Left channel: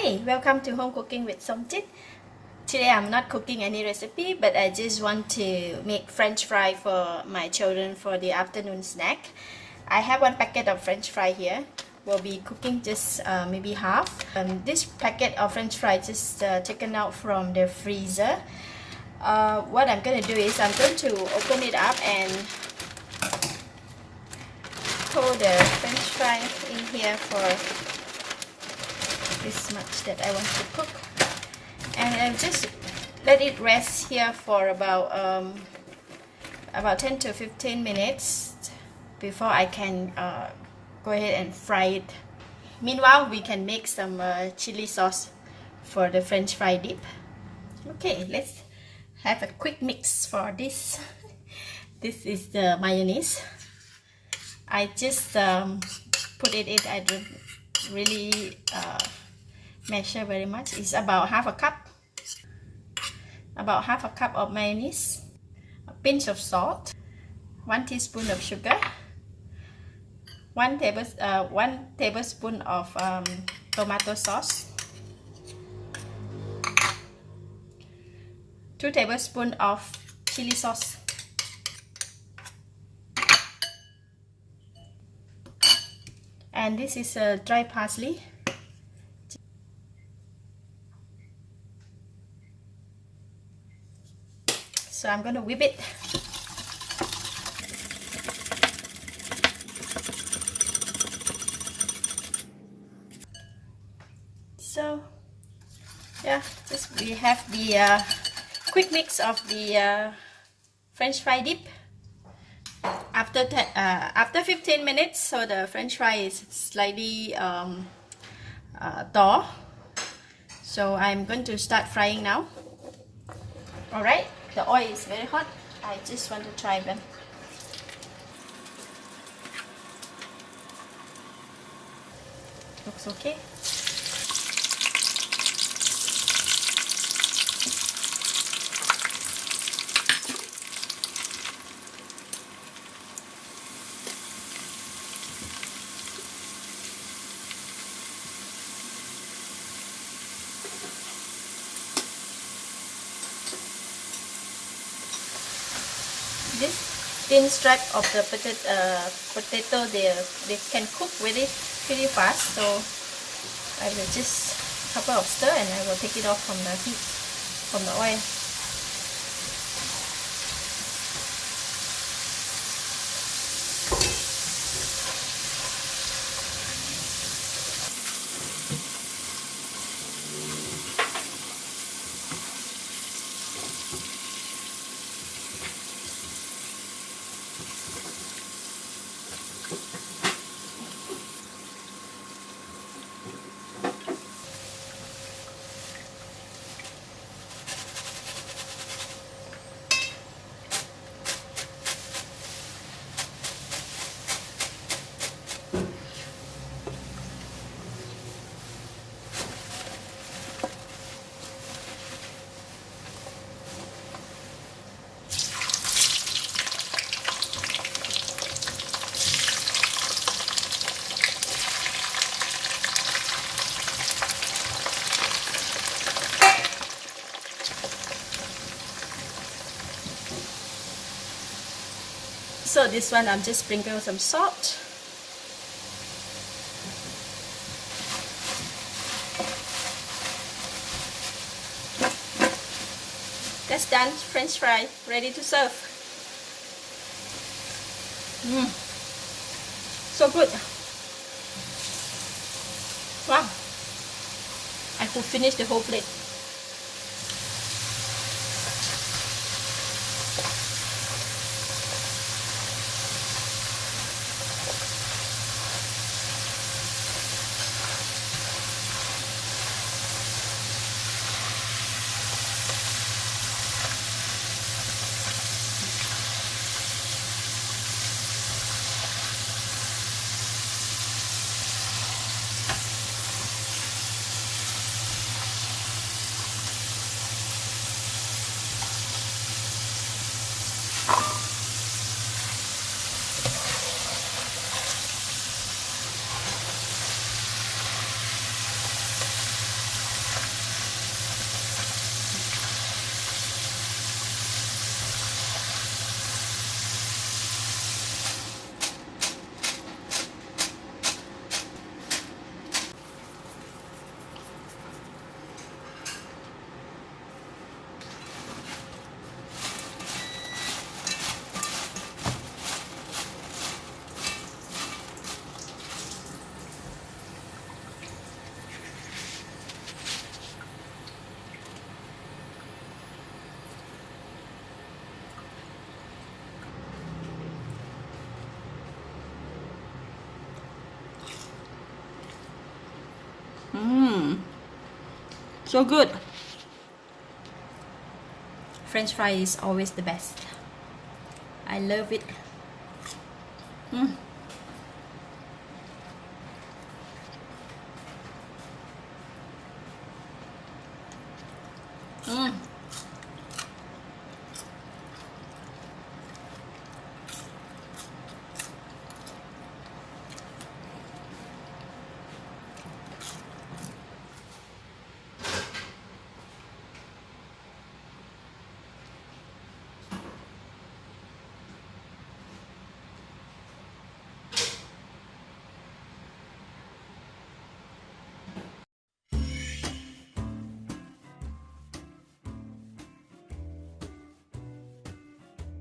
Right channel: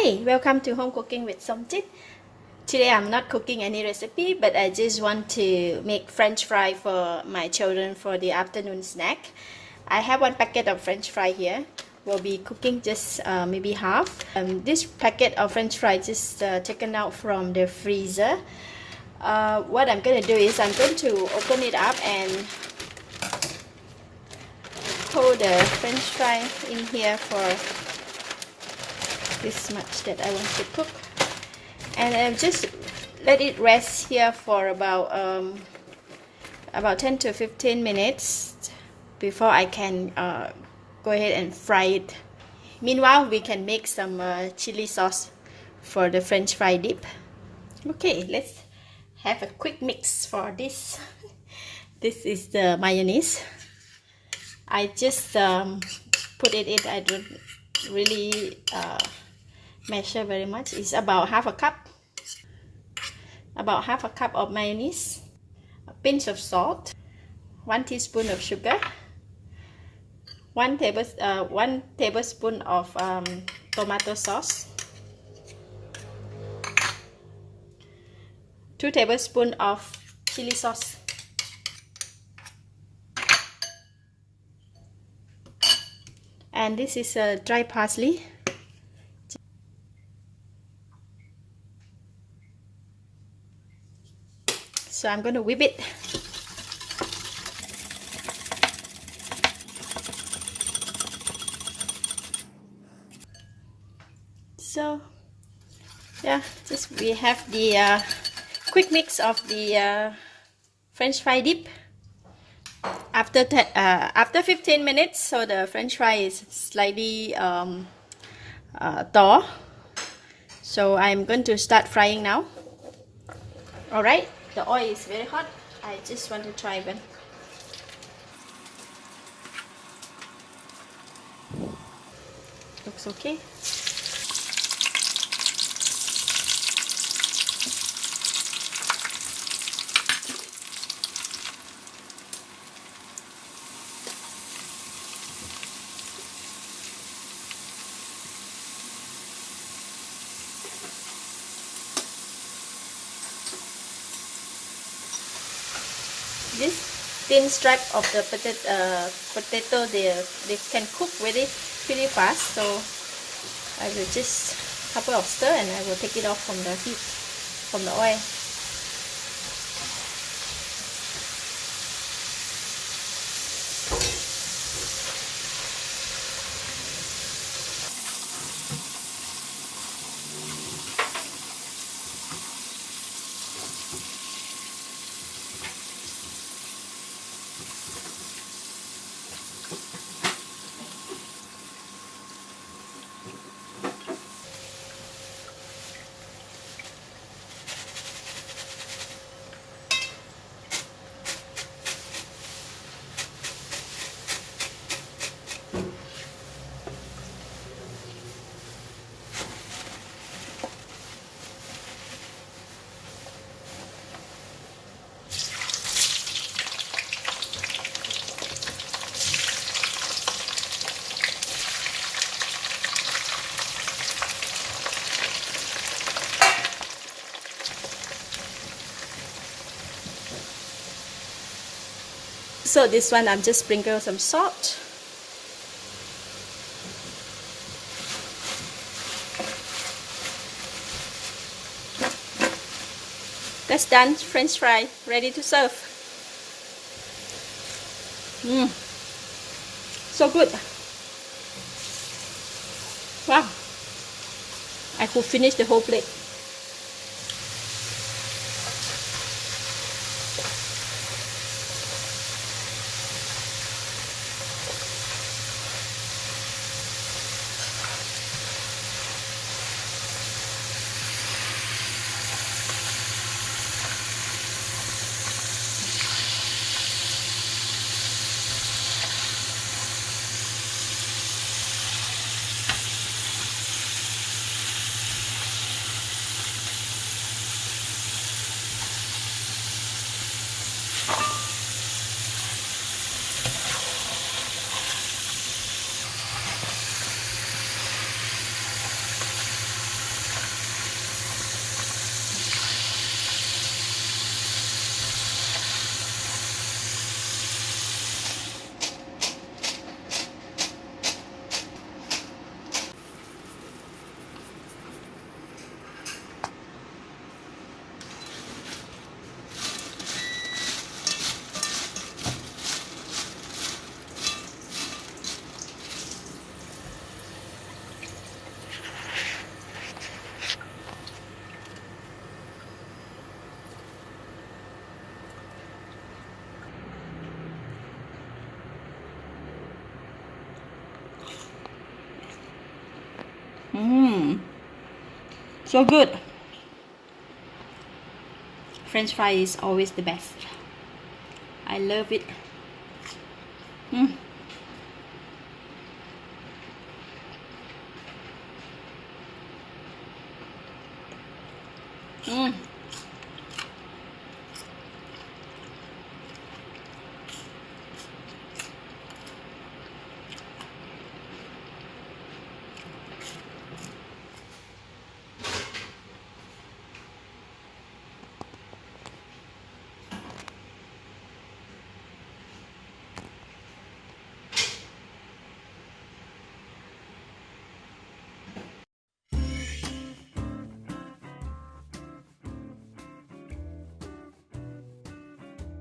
Hi, welcome to Home Cooking with Somchit. Today I'm not cooking any recipe, but I just want to make French fry for my children for the afternoon snack. I have one packet of French fry here. We'll be cooking just maybe half. This packet of French fry just taken out from the freezer. What I'm going to do is I'm going to open it up and pour the French fry in here for this much that I want to cook, and I'll just let it rest here for about 10 to 15 minutes before I can go ahead and fry it. Meanwhile, we can make some chili sauce for the French fry dip. Okay, let's have a quick mix for this. This is the mayonnaise. I just put it in. I don't really measure very much. It's about half a cup of mayonnaise, a pinch of salt, 1 teaspoon of sugar, 1 tablespoon of tomato sauce, 2 tablespoons of chili sauce, and this is dry parsley. So I'm going to whip it. So yeah, just we have the quick mix of the French fry dip. After 15 minutes, so the French fry is slightly thaw. So I'm going to start frying now. All right. The oil is very hot. I just want to try one. Looks okay. This thin stripe of the potato, they can cook with it pretty fast, so I will just couple of stir and I will take it off from the heat, from the oil. So this one I'm just sprinkling some salt. That's done. French fry ready to serve. So good. Wow. I could finish the whole plate. So good. French fry is always the best. I love it.